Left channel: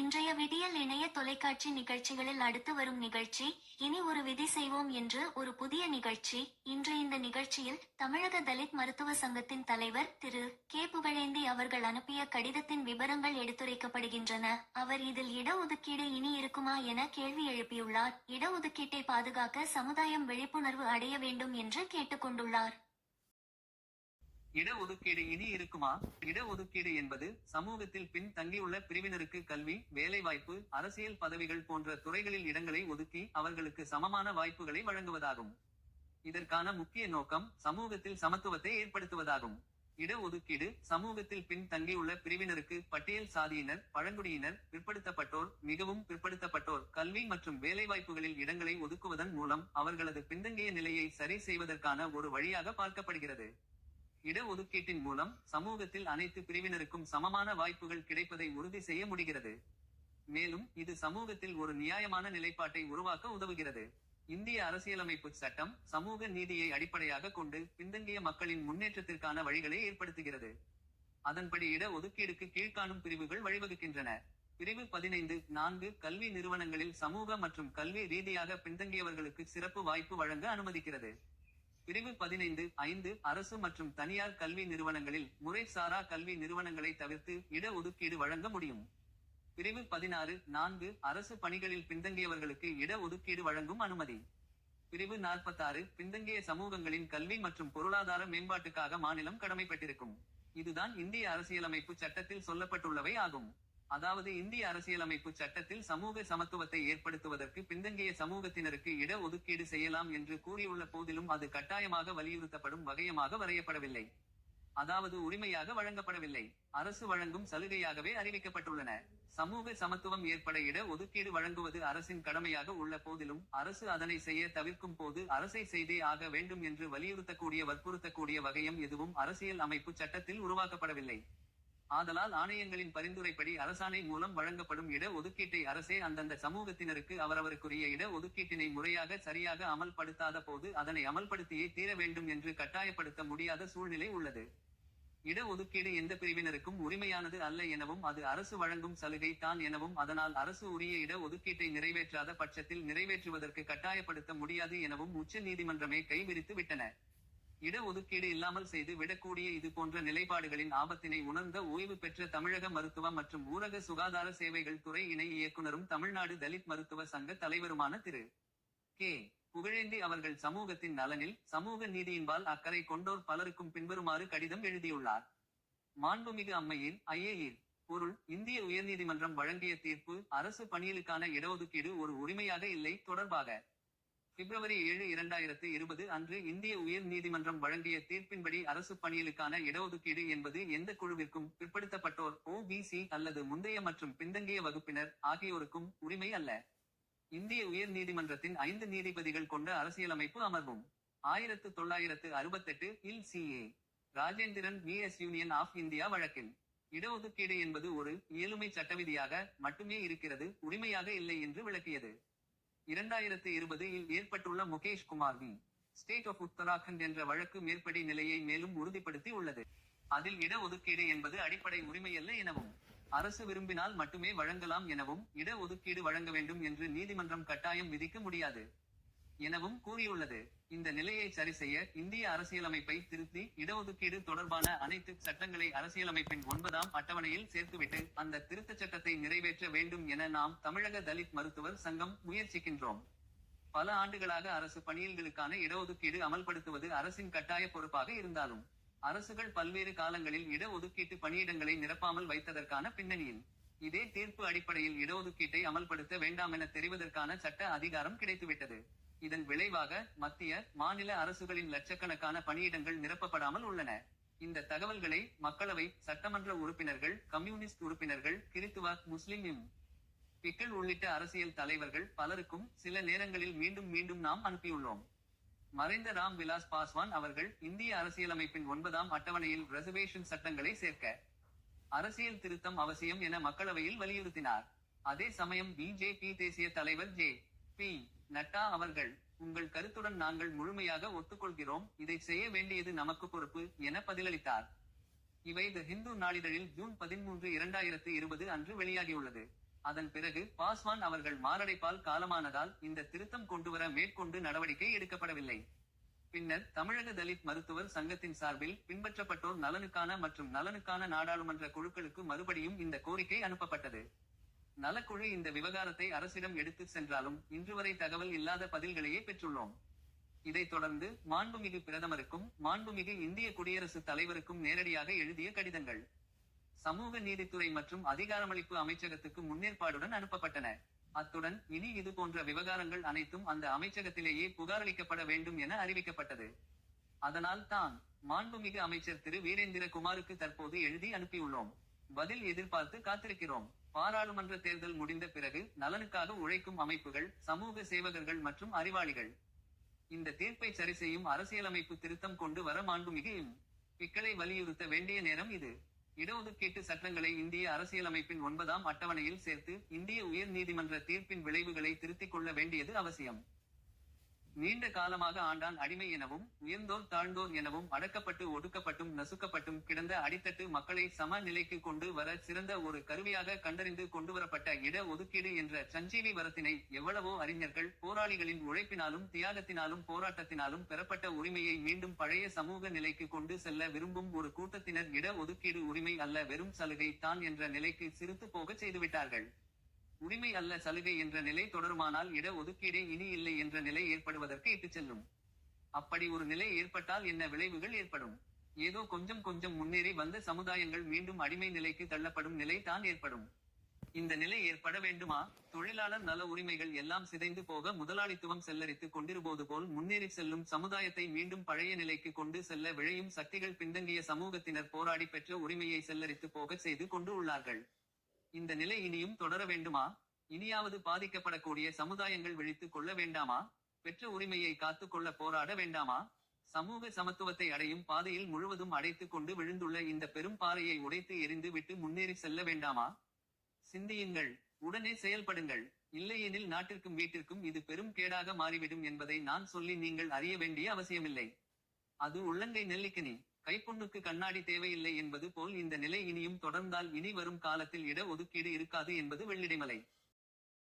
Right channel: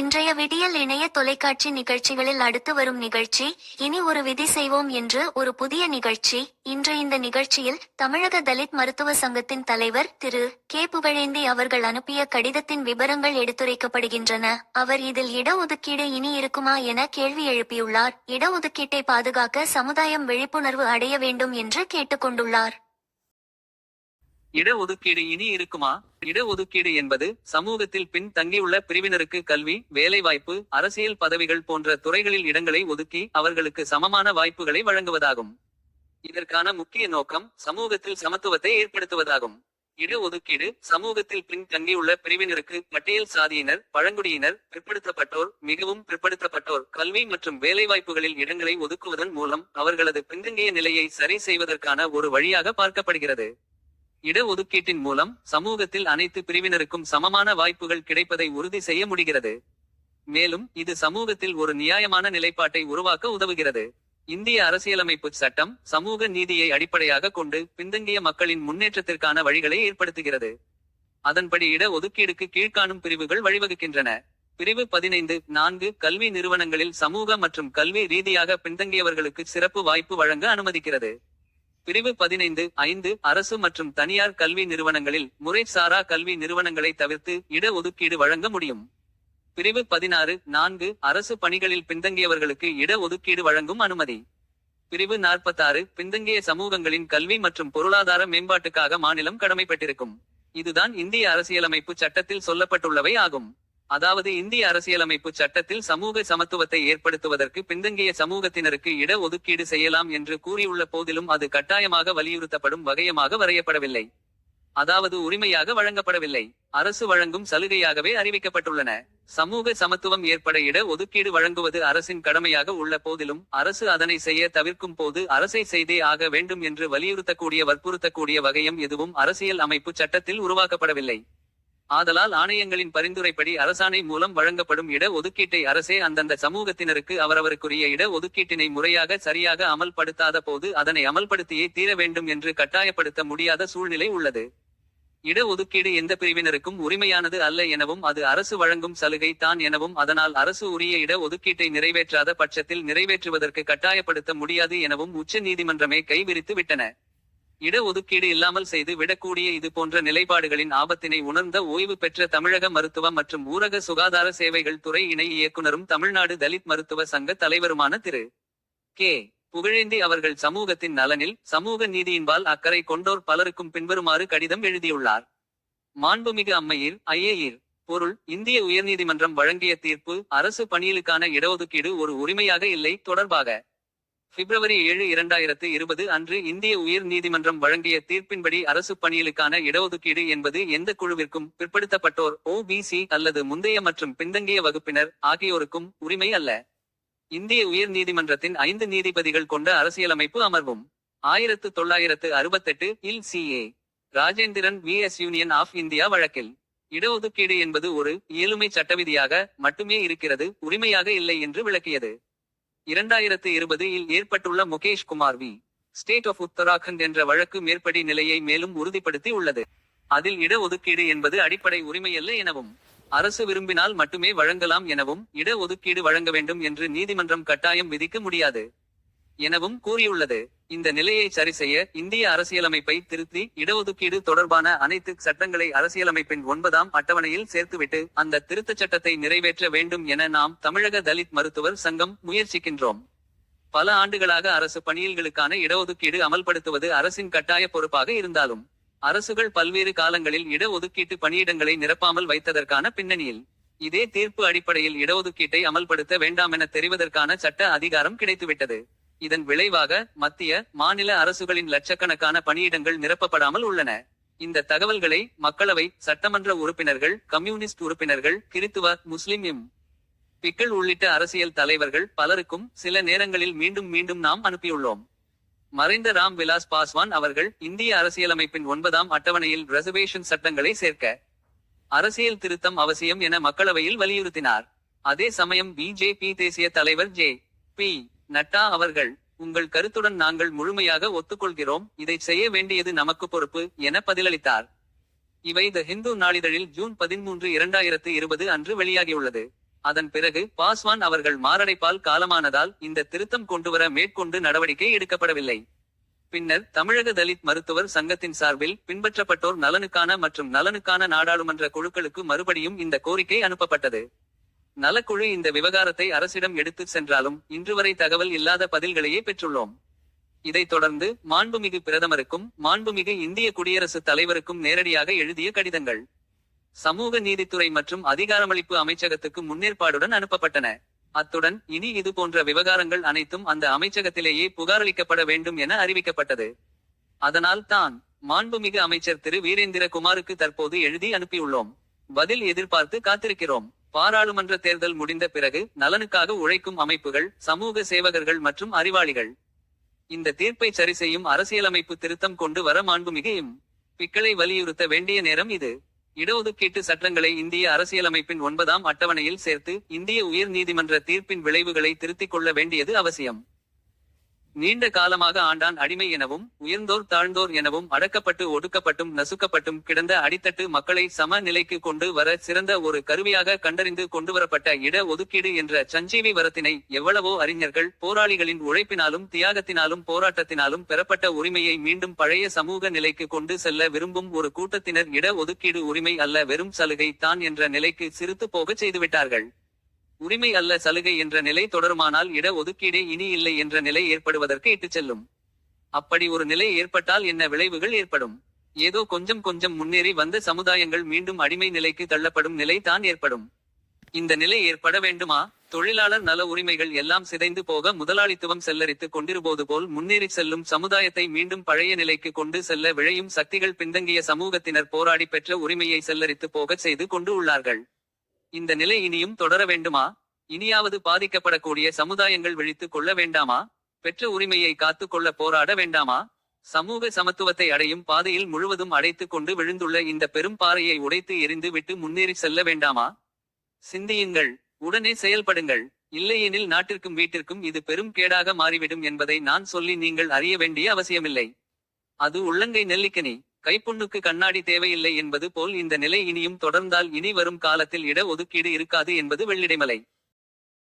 இன்றைய விடியல் இணைய தொலைக்காட்சி நிகழ்ச்சிகளில் அடுத்து வரும் நிகழ்ச்சி இனி ஒரு விதி செய்வோம் என்று ஒரு புதிய நிகழ்ச்சி. இன்று இந்த நிகழ்ச்சியில் தமிழக தலித் மருத்துவ சங்கத்தின் தலைவர் திரு. கே. புகழேந்தி அவர்கள் அனுப்பிய கடிதத்தின் விவரங்கள் எடுத்துரைக்கப்படுகின்றன. அவர் இதில் இடஒதுக்கீடு இனி இருக்குமா என கேள்வி எழுப்பியுள்ளார். இடஒதுக்கீட்டை பாதுகாக்க சமுதாயம் விழிப்புணர்வு அடைய வேண்டும் என்று கேட்டுக்கொண்டுள்ளார். இடஒதுக்கீடு இனி இருக்குமா? இடஒதுக்கீடு என்பது சமூகத்தில் பின் தங்கியுள்ள பிரிவினருக்கு கல்வி வேலைவாய்ப்பு அரசியல் பதவிகள் போன்ற துறைகளில் இடங்களை ஒதுக்கி அவர்களுக்கு சமமான வாய்ப்புகளை வழங்குவதாகும். இதற்கான முக்கிய நோக்கம் சமூகத்தில் சமத்துவத்தை ஏற்படுத்துவதாகும். இடஒதுக்கீடு சமூகத்தில் பின் தங்கியுள்ள பிரிவினருக்கு பட்டியல் சாதியினர் பழங்குடியினர் பிற்படுத்தப்பட்டோர் மிகவும் பிற்படுத்தப்பட்டோர் கல்வி மற்றும் வேலைவாய்ப்புகளில் இடங்களை ஒதுக்குவதன் மூலம் அவர்களது பின்தங்கிய நிலையை சரி செய்வதற்கான ஒரு வழியாக பார்க்கப்படுகிறது. இடஒதுக்கீட்டின் மூலம் சமூகத்தில் அனைத்து பிரிவினருக்கும் சமமான வாய்ப்புகள் கிடைப்பதை உறுதி செய்ய முடிகிறது. மேலும் இது சமூகத்தில் ஒரு நியாயமான நிலைப்பாட்டை உருவாக்க உதவுகிறது. இந்திய அரசியலமைப்பு சட்டம் சமூக நீதியை அடிப்படையாக கொண்டு பின்தங்கிய மக்களின் முன்னேற்றத்திற்கான வழிகளை ஏற்படுத்துகிறது. அதன்படி இட ஒதுக்கீடுக்கு கீழ்காணும் பிரிவுகள் வழிவகுக்கின்றன. பிரிவு பதினைந்து நான்கு கல்வி நிறுவனங்களில் சமூக மற்றும் கல்வி ரீதியாக பின்தங்கியவர்களுக்கு சிறப்பு வாய்ப்பு வழங்க அனுமதிக்கிறது. பிரிவு பதினைந்து ஐந்து அரசு மற்றும் தனியார் கல்வி நிறுவனங்களில் முறைசாரா கல்வி நிறுவனங்களை தவிர்த்து இட ஒதுக்கீடு வழங்க முடியும். பிரிவு பதினாறு நான்கு அரசு பணிகளில் பின்தங்கியவர்களுக்கு இட ஒதுக்கீடு வழங்கும் அனுமதி. பிரிவு நாற்பத்தாறு பின்தங்கிய சமூகங்களின் கல்வி மற்றும் பொருளாதார மேம்பாட்டுக்காக மாநிலம் கடமைப்பட்டிருக்கும். இதுதான் இந்திய அரசியலமைப்பு சட்டத்தில் சொல்லப்பட்டுள்ளவை ஆகும். அதாவது இந்திய அரசியலமைப்பு சட்டத்தில் சமூக சமத்துவத்தை ஏற்படுத்துவதற்கு பின்தங்கிய சமூகத்தினருக்கு இட ஒதுக்கீடு செய்யலாம் என்று கூறியுள்ள போதிலும் அது கட்டாயமாக வலியுறுத்தப்படும் வகையமாக வரையப்படவில்லை. அதாவது உரிமையாக வழங்கப்படவில்லை. அரசு வழங்கும் சலுகையாகவே அறிவிக்கப்பட்டுள்ளன. சமூக சமத்துவம் ஏற்பட இட ஒதுக்கீடு வழங்குவது அரசின் கடமையாக உள்ள போதிலும் அரசு அதனை செய்ய தவிர்க்கும் போது அரசை செய்தே ஆக வேண்டும் என்று வலியுறுத்தக்கூடிய வற்புறுத்தக்கூடிய வகையம் எதுவும் அரசியல் அமைப்பு சட்டத்தில் உருவாக்கப்படவில்லை. ஆதலால் ஆணையங்களின் பரிந்துரைப்படி அரசாணை மூலம் வழங்கப்படும் இட ஒதுக்கீட்டை அரசே அந்தந்த சமூகத்தினருக்கு அவரவருக்குரிய இட ஒதுக்கீட்டினை முறையாக சரியாக அமல்படுத்தாத போது அதனை அமல்படுத்தியே தீர வேண்டும் என்று கட்டாயப்படுத்த முடியாத சூழ்நிலை உள்ளது. இட ஒதுக்கீடு எந்த பிரிவினருக்கும் உரிமையானது அல்ல எனவும் அது அரசு வழங்கும் சலுகை தான் எனவும் அதனால் அரசு உரிய இட ஒதுக்கீட்டை நிறைவேற்றாத பட்சத்தில் நிறைவேற்றுவதற்கு கட்டாயப்படுத்த முடியாது எனவும் உச்ச நீதிமன்றமே கைவிரித்து விட்டன. இட ஒதுக்கீடு இல்லாமல் செய்து விடக்கூடிய இது போன்ற நிலைப்பாடுகளின் ஆபத்தினை உணர்ந்த ஓய்வு பெற்ற தமிழக மருத்துவ மற்றும் ஊரக சுகாதார சேவைகள் துறை இணை இயக்குனரும் தமிழ்நாடு தலித் மருத்துவ சங்க தலைவருமான திரு. கே. புகழேந்தி அவர்கள் சமூகத்தின் நலனில் சமூக நீதியின்பால் அக்கறை கொண்டோர் பலருக்கும் பின்வருமாறு கடிதம் எழுதியுள்ளார். மாண்புமிகு அம்மையில் ஐஏயீர் பொருள் இந்திய உயர்நீதிமன்றம் வழங்கிய தீர்ப்பு அரசு பணியிலுக்கான இடஒதுக்கீடு ஒரு உரிமையாக இல்லை தொடர்பாக பிப்ரவரி ஏழு இரண்டாயிரத்து இருபது அன்று இந்திய உயர் நீதிமன்றம் வழங்கிய தீர்ப்பின்படி அரசு பணியிலுக்கான இடஒதுக்கீடு என்பது எந்த குழுவிற்கும் பிற்படுத்தப்பட்டோர் ஓபிசி அல்லது முந்தைய மற்றும் பின்தங்கிய வகுப்பினர் ஆகியோருக்கும் உரிமை அல்ல. இந்திய உயர் நீதிமன்றத்தின் ஐந்து நீதிபதிகள் கொண்ட அரசியலமைப்பு அமர்வும். ஆயிரத்து தொள்ளாயிரத்து அறுபத்தெட்டு இல் C A. Rajendran V S union of India வழக்கில். இடஒதுக்கீடு என்பது ஒரு இயலுமை சட்டவிதியாக மட்டுமே இருக்கிறது உரிமையாக இல்லை என்று விளக்கியது. இரண்டாயிரத்து இருபது இல் ஏற்பட்டுள்ள Mukesh Kumar V state of Uttarakhand என்ற வழக்கு மேற்படி நிலையை மேலும் உறுதிப்படுத்தி உள்ளது. அதில் இட ஒதுக்கீடு என்பது அடிப்படை உரிமையல்ல எனவும் அரசு விரும்பினால் மட்டுமே வழங்கலாம் எனவும் இட ஒதுக்கீடு வழங்க வேண்டும் என்று நீதிமன்றம் கட்டாயம் விதிக்க முடியாது. எனவும் கூறியுள்ளது. இந்த நிலையை சரிசெய்ய இந்திய அரசியலமைப்பை திருத்தி இடஒதுக்கீடு தொடர்பான அனைத்து சட்டங்களை அரசியலமைப்பின் ஒன்பதாம் அட்டவணையில் சேர்த்துவிட்டு அந்த திருத்தச் சட்டத்தை நிறைவேற்ற வேண்டும் என நாம் தமிழக தலித் மருத்துவர் சங்கம் முயற்சிக்கின்றோம். பல ஆண்டுகளாக அரசு பணியில்களுக்கான இடஒதுக்கீடு அமல்படுத்துவது அரசின் கட்டாய பொறுப்பாக இருந்தாலும் அரசுகள் பல்வேறு காலங்களில் இடஒதுக்கீட்டு பணியிடங்களை நிரப்பாமல் வைத்ததற்கான பின்னணியில் இதே தீர்ப்பு அடிப்படையில் இடஒதுக்கீட்டை அமல்படுத்த வேண்டாம் என தெரிவதற்கான சட்ட அதிகாரம் கிடைத்துவிட்டது. இதன் விளைவாக மத்திய மாநில அரசுகளின் லட்சக்கணக்கான பணியிடங்கள் நிரப்பப்படாமல் உள்ளன. இந்த தகவல்களை மக்களவை சட்டமன்ற உறுப்பினர்கள் கம்யூனிஸ்ட் உறுப்பினர்கள் கிறித்துவ முஸ்லிம் எம். பிக்கள் உள்ளிட்ட அரசியல் தலைவர்கள் பலருக்கும் சில நேரங்களில் மீண்டும் மீண்டும் நாம் அனுப்பியுள்ளோம். மறைந்த ராம் விலாஸ் பாஸ்வான் அவர்கள் இந்திய அரசியலமைப்பின் ஒன்பதாம் அட்டவணையில் ரிசர்வேஷன் சட்டங்களை சேர்க்க அரசியல் திருத்தம் அவசியம் என மக்களவையில் வலியுறுத்தினார். அதே சமயம் பிஜேபி தேசிய தலைவர் ஜே பி நட்டா அவர்கள் உங்கள் கருத்துடன் நாங்கள் முழுமையாக ஒத்துக்கொள்கிறோம் இதை செய்ய வேண்டியது நமக்கு பொறுப்பு என பதிலளித்தார். இவை த ஹிந்து நாளிதழில் ஜூன் பதிமூன்று இரண்டாயிரத்து இருபது அன்று வெளியாகியுள்ளது. அதன் பிறகு பாஸ்வான் அவர்கள் மாரடைப்பால் காலமானதால் இந்த திருத்தம் கொண்டுவர மேற்கொண்டு நடவடிக்கை எடுக்கப்படவில்லை. பின்னர் தமிழக தலித் மருத்துவர் சங்கத்தின் சார்பில் பின்பற்றப்பட்டோர் நலனுக்கான மற்றும் நலனுக்கான நாடாளுமன்ற குழுக்களுக்கு மறுபடியும் இந்த கோரிக்கை அனுப்பப்பட்டது. நலக்குழு இந்த விவகாரத்தை அரசிடம் எடுத்துச் சென்றாலும் இன்று வரை தகவல் இல்லாத பதில்களையே பெற்றுள்ளோம். இதைத் தொடர்ந்து மாண்புமிகு பிரதமருக்கும் மாண்புமிகு இந்திய குடியரசுத் தலைவருக்கும் நேரடியாக எழுதிய கடிதங்கள். சமூக நீதித்துறை மற்றும் அதிகாரமளிப்பு அமைச்சகத்துக்கு முன்னேற்பாடுடன் அனுப்பப்பட்டன. அத்துடன் இனி இது போன்ற விவகாரங்கள் அனைத்தும் அந்த அமைச்சகத்திலேயே புகாரளிக்கப்பட வேண்டும் என அறிவிக்கப்பட்டது. அதனால் தான் மாண்புமிகு அமைச்சர் திரு. வீரேந்திர குமாருக்கு தற்போது எழுதி அனுப்பியுள்ளோம். பதில் எதிர்பார்த்து காத்திருக்கிறோம். பாராளுமன்ற தேர்தல் முடிந்த பிறகு நலனுக்காக உழைக்கும் அமைப்புகள் சமூக சேவகர்கள் மற்றும் அறிவாளிகள். இந்த தீர்ப்பை சரி செய்யும் அரசியலமைப்பு திருத்தம் கொண்டு வர மாண்புமிகு இம் பிக்களை வலியுறுத்த வேண்டிய நேரம் இது. இடஒதுக்கீட்டு சட்டங்களை இந்திய அரசியலமைப்பின் ஒன்பதாம் அட்டவணையில் சேர்த்து இந்திய உயர் நீதிமன்ற தீர்ப்பின் விளைவுகளை திருத்திக் கொள்ள வேண்டியது அவசியம். நீண்ட காலமாக ஆண்டான் அடிமை எனவும் உயர்ந்தோர் தாழ்ந்தோர் எனவும் அடக்கப்பட்டு ஒடுக்கப்பட்டும் நசுக்கப்பட்டும் கிடந்த அடித்தட்டு மக்களை சம நிலைக்கு கொண்டு வர சிறந்த ஒரு கருவியாக கண்டறிந்து கொண்டுவரப்பட்ட இட ஒதுக்கீடு என்ற சஞ்சீவி வரத்தினை எவ்வளவோ அறிஞர்கள் போராளிகளின் உழைப்பினாலும் தியாகத்தினாலும் போராட்டத்தினாலும் பெறப்பட்ட உரிமையை மீண்டும் பழைய சமூக நிலைக்கு கொண்டு செல்ல விரும்பும் ஒரு கூட்டத்தினர் இட ஒதுக்கீடு உரிமை அல்ல வெறும் சலுகை தான் என்ற நிலைக்கு சிரித்து போகச் செய்துவிட்டார்கள். உரிமை அல்ல சலுகை என்ற நிலை தொடருமானால் இட ஒதுக்கீடே இனி இல்லை என்ற நிலை ஏற்படுவதற்கு இட்டுச் செல்லும். அப்படி ஒரு நிலை ஏற்பட்டால் என்ன விளைவுகள் ஏற்படும்? ஏதோ கொஞ்சம் கொஞ்சம் முன்னேறி வந்த சமுதாயங்கள் மீண்டும் அடிமை நிலைக்கு தள்ளப்படும் நிலை தான் ஏற்படும். இந்த நிலை ஏற்பட வேண்டுமா? தொழிலாளர் நல உரிமைகள் எல்லாம் சிதைந்து போக முதலாளித்துவம் செல்லரித்து கொண்டிருப்பது போல் முன்னேறி செல்லும் சமுதாயத்தை மீண்டும் பழைய நிலைக்கு கொண்டு செல்ல விழையும் சக்திகள் பின்தங்கிய சமூகத்தினர் போராடி பெற்ற உரிமையை செல்லரித்து போகச் செய்து கொண்டு உள்ளார்கள். இந்த நிலை இனியும் தொடர வேண்டுமா? இனியாவது பாதிக்கப்படக்கூடிய சமுதாயங்கள் விழித்துக் கொள்ள வேண்டாமா? பெற்ற உரிமையை காத்து கொள்ள போராட வேண்டாமா? சமூக சமத்துவத்தை அடையும் பாதையில் முழுவதும் அடைத்துக் கொண்டு விழுந்துள்ள இந்த பெரும் பாறையை உடைத்து எரிந்து விட்டு முன்னேறி செல்ல வேண்டாமா? சிந்தியுங்கள் உடனே செயல்படுங்கள். இல்லையெனில் நாட்டிற்கும் வீட்டிற்கும் இது பெரும் கேடாக மாறிவிடும் என்பதை நான் சொல்லி நீங்கள் அறிய வேண்டிய அவசியமில்லை. அது உள்ளங்கை நெல்லிக்கனி. கைப்புண்ணுக்கு கண்ணாடி தேவையில்லை என்பது போல் இந்த நிலை இனியும் தொடர்ந்தால் இனி வரும் காலத்தில் இட ஒதுக்கீடு இருக்காது என்பது வெள்ளிடைமலை.